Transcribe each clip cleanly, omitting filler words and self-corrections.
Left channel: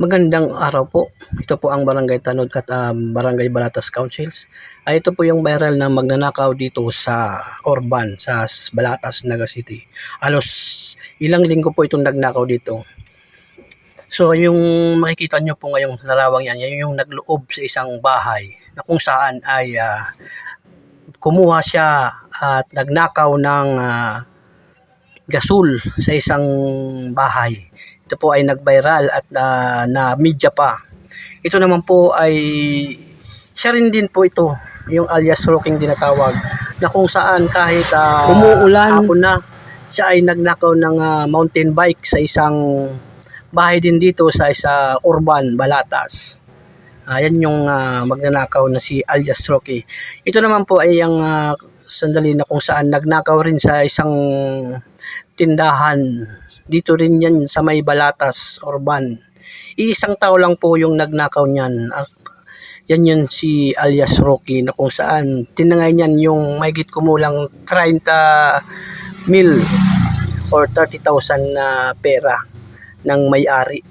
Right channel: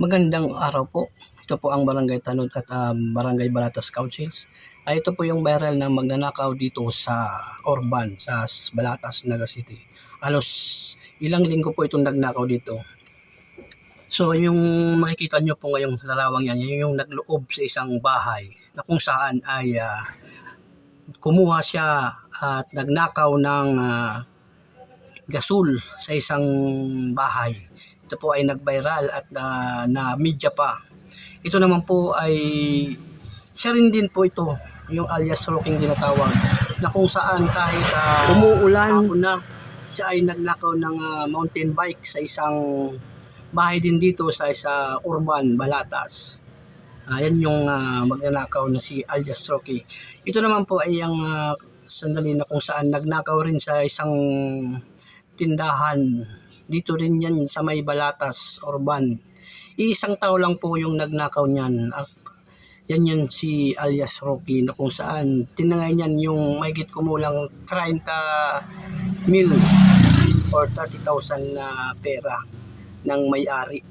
Magandang araw po. Ito po ang Barangay Tanod at Barangay Balatas Councils. Ito po yung viral na magnanakaw dito sa Orban, sa Balatas, Naga City. Halos ilang linggo po itong nagnakaw dito. So yung makikita nyo po ngayong larawang yan yung nagloob sa isang bahay na kung saan ay kumuha siya at nagnakaw ng gasol sa isang bahay. Ito po ay nag-viral at na media pa. Ito naman po ay siya rin din po ito, yung alias Rocking tinatawag, na kung saan kahit umuulan, hapon na, siya ay nagnakaw ng mountain bike sa isang bahay din dito sa Urban, Balatas. Ayan yung magnanakaw na si alias Rocky. Ito naman po ay ang sandali na kung saan nagnakaw rin sa isang tindahan. Dito rin yan sa may Balatas, Urban. Iisang tao lang po yung nagnakaw niyan. At yan yun si alias Rocky na kung saan tinangay niyan yung mahigit kumulang 30 mil or 30,000 na pera ng may-ari.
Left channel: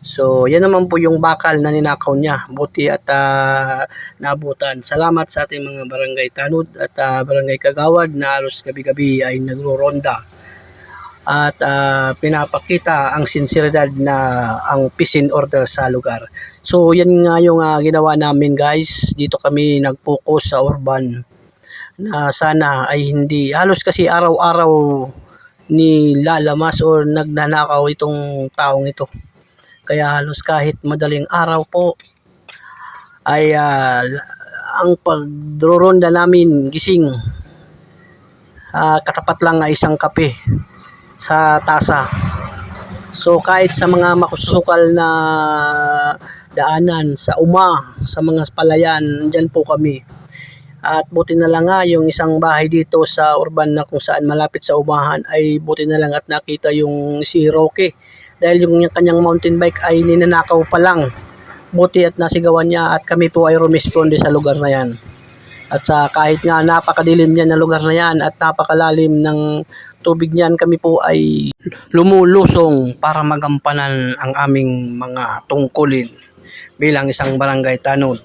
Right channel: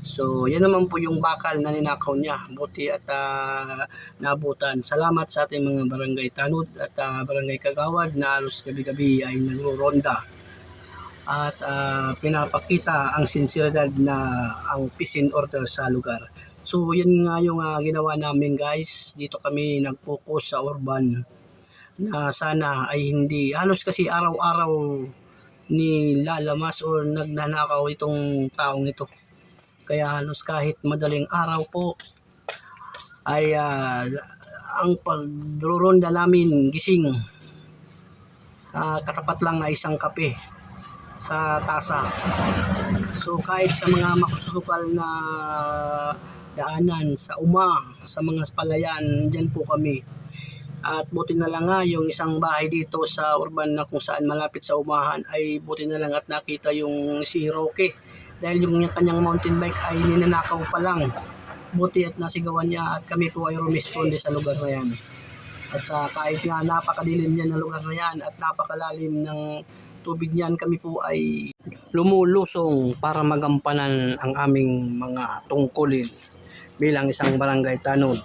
So, yan naman po yung bakal na ninakaw niya. Buti at naabutan. Salamat sa ating mga barangay Tanod at barangay Kagawad na halos gabi-gabi ay nagro-ronda. At pinapakita ang sinseridad na ang peace and order sa lugar. So, yan nga yung ginawa namin guys. Dito kami nag-focus sa Urban na sana ay hindi. Halos kasi araw-araw ni lalamas o nagnanakaw itong taong ito. Kaya halos kahit madaling araw po ay ang pagdroronda namin gising katapat lang na isang kape sa tasa. So kahit sa mga makusukal na daanan sa sa mga palayan, dyan po kami. At buti na lang nga yung isang bahay dito sa Urban na kung saan malapit sa umahan ay buti na lang at nakita yung si Roque. Dahil yung kanyang mountain bike ay ninanakaw pa lang. Buti at nasigawan niya at kami po ay rumisponde sa lugar na yan. At kahit nga napakadilim niyan na lugar na yan at napakalalim ng tubig niyan, kami po ay lumulusong para magampanan ang aming mga tungkulin bilang isang barangay Tanod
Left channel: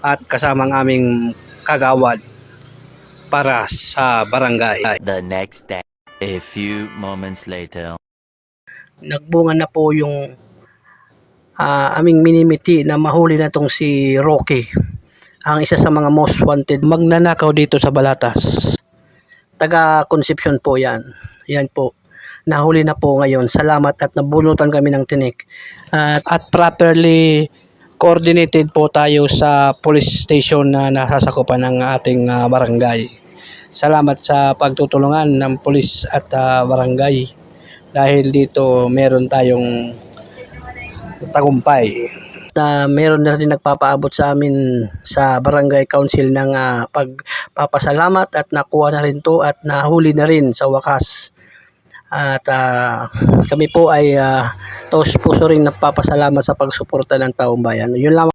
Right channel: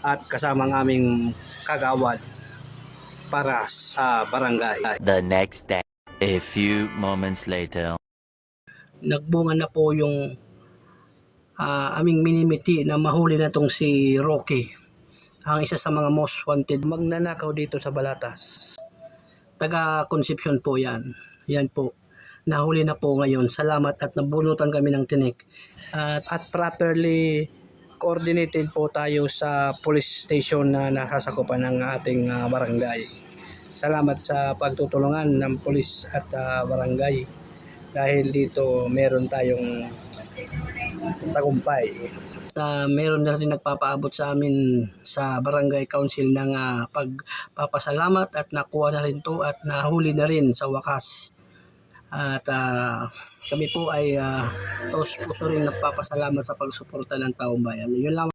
at kasama ang aming kagawad para sa barangay. The next day, a few moments later. Nagbunga na po yung aming minimiti na mahuli na tong si Rocky, ang isa sa mga most wanted magnanakaw dito sa Balatas. Taga Concepcion po yan. Yan po. Nahuli na po ngayon. Salamat at nabunutan kami ng tinik. At properly coordinated po tayo sa police station na nasasakupan ng ating barangay. Salamat sa pagtutulungan ng police at barangay. Dahil dito meron tayong tagumpay. Meron na rin nagpapaabot sa amin sa barangay council ng pagpapasalamat at nakuha na rin to at nahuli na rin sa wakas. At kami po ay taos puso rin nagpapasalamat sa pagsuporta ng taong bayan. Yun lang.